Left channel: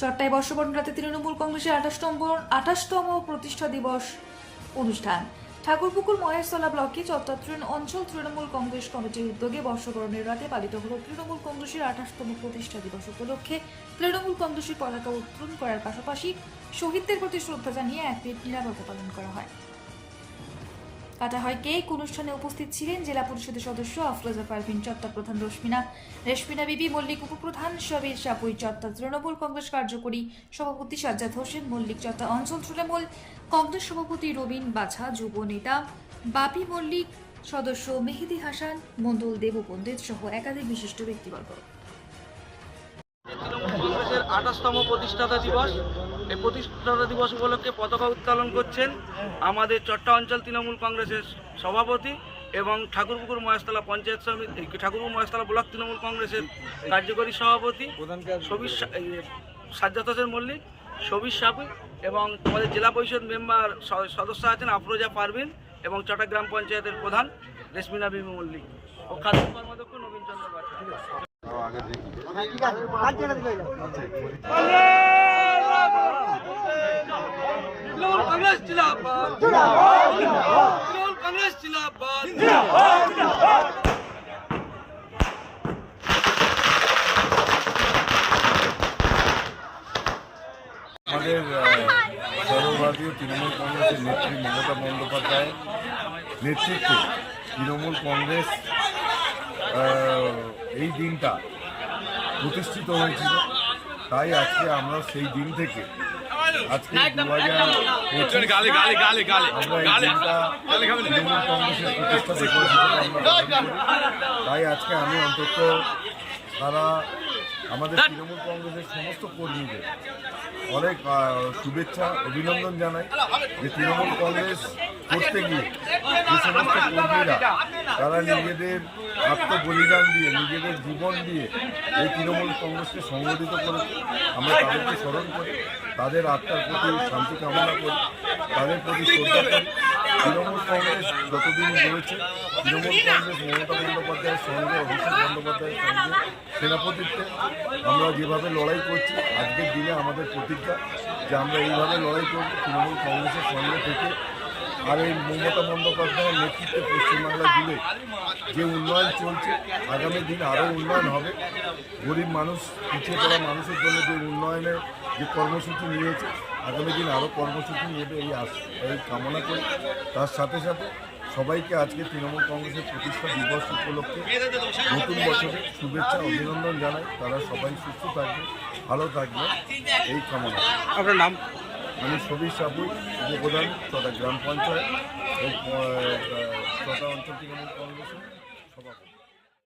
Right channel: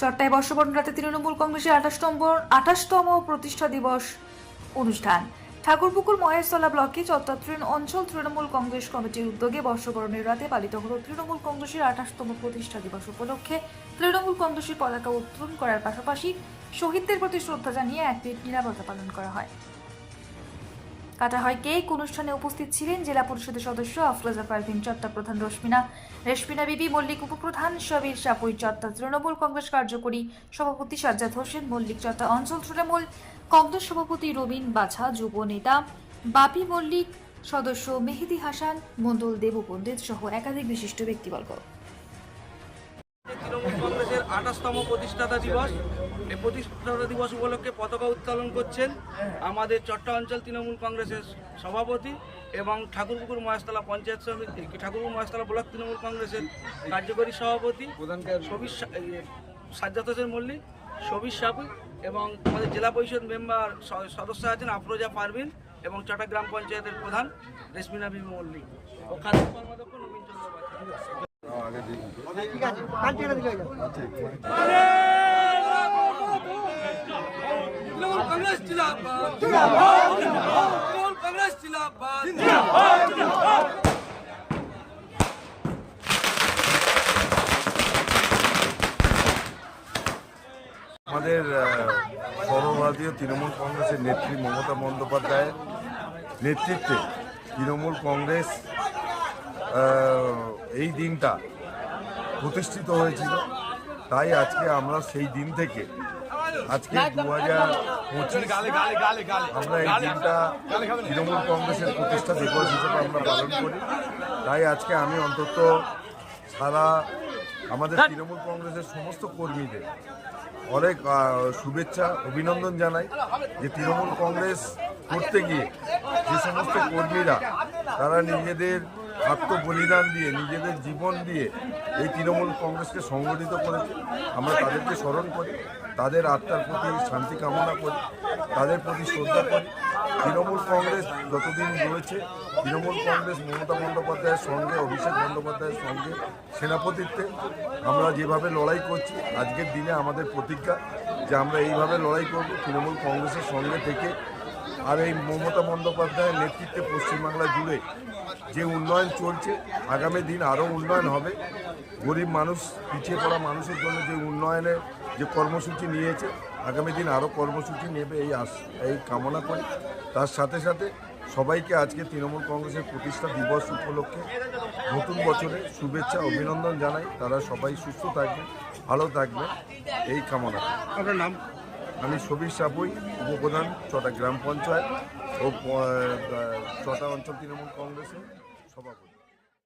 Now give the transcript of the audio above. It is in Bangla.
চট্টায় বর্ষবরণ রাতে তৃণমূল কংগ্রেসের 28তম প্রতিষ্ঠা দিবস অনুষ্ঠান। ঠাকুরপুকুর মহেশতলা ব্লকে চট্টগ্রাম অঞ্চল তৃণমূল কংগ্রেস কমিটির উদ্যোগে বর্ষবরণের রাতে পালিত হল তৃণমূল কংগ্রেসের 28তম প্রতিষ্ঠা দিবস উপলক্ষে তৃণমূল কংগ্রেসের পতাকা উত্তোলন করার পাশাপাশি শহীদদের প্রতি শ্রদ্ধা জানিয়ে এক মিনিট নীরবতা পালন করা হয়। কাটা হয় কেক। অনুষ্ঠানে উপস্থিত ছিলেন জেলা পরিষদের সদস্য আফরোজা পারভিন, চট্টা প্রধান রেশমিনা বিবি মল্লিক, উপপ্রধান সবির সাপুই, চট্টা তৃণমূল কংগ্রেস কার্যকরী সভাপতি সাজ্জাদ হোসেন মল্লিক, চট্টা অঞ্চল তৃণমূল কংগ্রেস সভাপতি রবিন বাছা, যুব নেতা বাপি মল্লিক, সদস্য মেহেদি হাসান মন্ডল, দেবু পণ্ডিত সহ একাধিক বিশিষ্ট ব্যক্তিবর্গ। তৃণমূল কংগ্রেসের 28তম প্রতিষ্ঠাতা দিবস। এই প্রতিষ্ঠাতা দিবস উপলক্ষে পতাকা উত্তোলন করছেন আমাদের চট্টা অঞ্চল তৃণমূল কংগ্রেসের সভাপতি এবং ঠাকুরপুকুর মহেশতলা পঞ্চায়েত সমিতি, ঠাকুরপুকুর মহেশতলা ব্লক তৃণমূল কংগ্রেসের কার্যকরী সভাপতি সাজ্জাদ হোসেন মল্লিক, সবির সাপুই এবং আমাদের জেলা পরিষদ মেম্বার সদস্য আছেন আফরোজা পারভিন এবং চট্টগ্রাম পঞ্চায়েতের প্রধান রেশমিনা বিবি মল্লিক ও খাদ্য কর্মাধ্যক্ষ নবীন চন্দ্র বাচ্চা। আমাদের সর্বভারতীয় তৃণমূল কংগ্রেসের নেত্রী মমতা বন্দ্যোপাধ্যায়ের নেতৃত্বে তৃণমূল কংগ্রেস এই দিনটা প্রতিষ্ঠিত হয়েছিল। তাই আজকে আমরা সেই দিন থেকে আজকে 2025 আমরা এই দিনটা তৃণমূল কংগ্রেসের প্রতিষ্ঠা দিবস হিসেবে আমরা পালন করি। তাই আজকে আমি অন্তত সারা আমাদের তৃণমূল কংগ্রেসের সমস্ত কর্মীদের অনেক শুভেচ্ছা অভিনন্দন জানাই যে তৃণমূল কংগ্রেস করতে গিয়ে যে সমস্ত কর্মীরা তারা নিজেদের আত্মবলিদান দিয়ে নিজেদের জীবন দিয়ে এই তৃণমূল কংগ্রেসকে সংগঠিত করেছে, আমরা তাদেরকে স্মরণ করি, তাদের আত্মার প্রতি শান্তি কামনা করি, তাদের প্রতি শ্রদ্ধা করি। তৃণমূল কংগ্রেস যতদিন রয়েছে তৃণমূল কংগ্রেস মমতা বন্দ্যোপাধ্যায়ের সঙ্গে অভিষেক বন্দ্যোপাধ্যায়ের সঙ্গে সেনাপতিত্বে আমরা যেভাবে লড়াই করছি, আজকের দিনে আমাদের প্রতিজ্ঞা যে আমরা এইভাবে লড়াই করব তৃণমূল কংগ্রেসের সঙ্গে থেকে। আর এই মমতা বন্দ্যোপাধ্যায়ের নেতৃত্বে পশ্চিমবাংলা জুড়ে যে উন্নয়ন চলছে, আগামী দিন আরও উন্নয়ন হবে। গরিব মানুষ, পিছিয়ে পড়া মানুষের জন্য যে উন্নয়নের যে কর্মসূচি নিয়েছে, আগামী দিন আরও কর্মসূচি নেবে এই কামনা করি। তার সাথে সাথে সবাইকে আজকে তৃণমূল কংগ্রেসের প্রতিষ্ঠা দিবস উপলক্ষে নতুন বছরে শুভেচ্ছা অভিনন্দন জানাই। তারা সবাই সুস্থ থাকবে, ভালো থাকবে এই কামনা। আপনার নাম? আমি সবির সাপুই, উপপ্রধান চট্টা গ্রাম পঞ্চায়েত ও চট্টা অঞ্চল তৃণমূল কংগ্রেসের সভাপতি।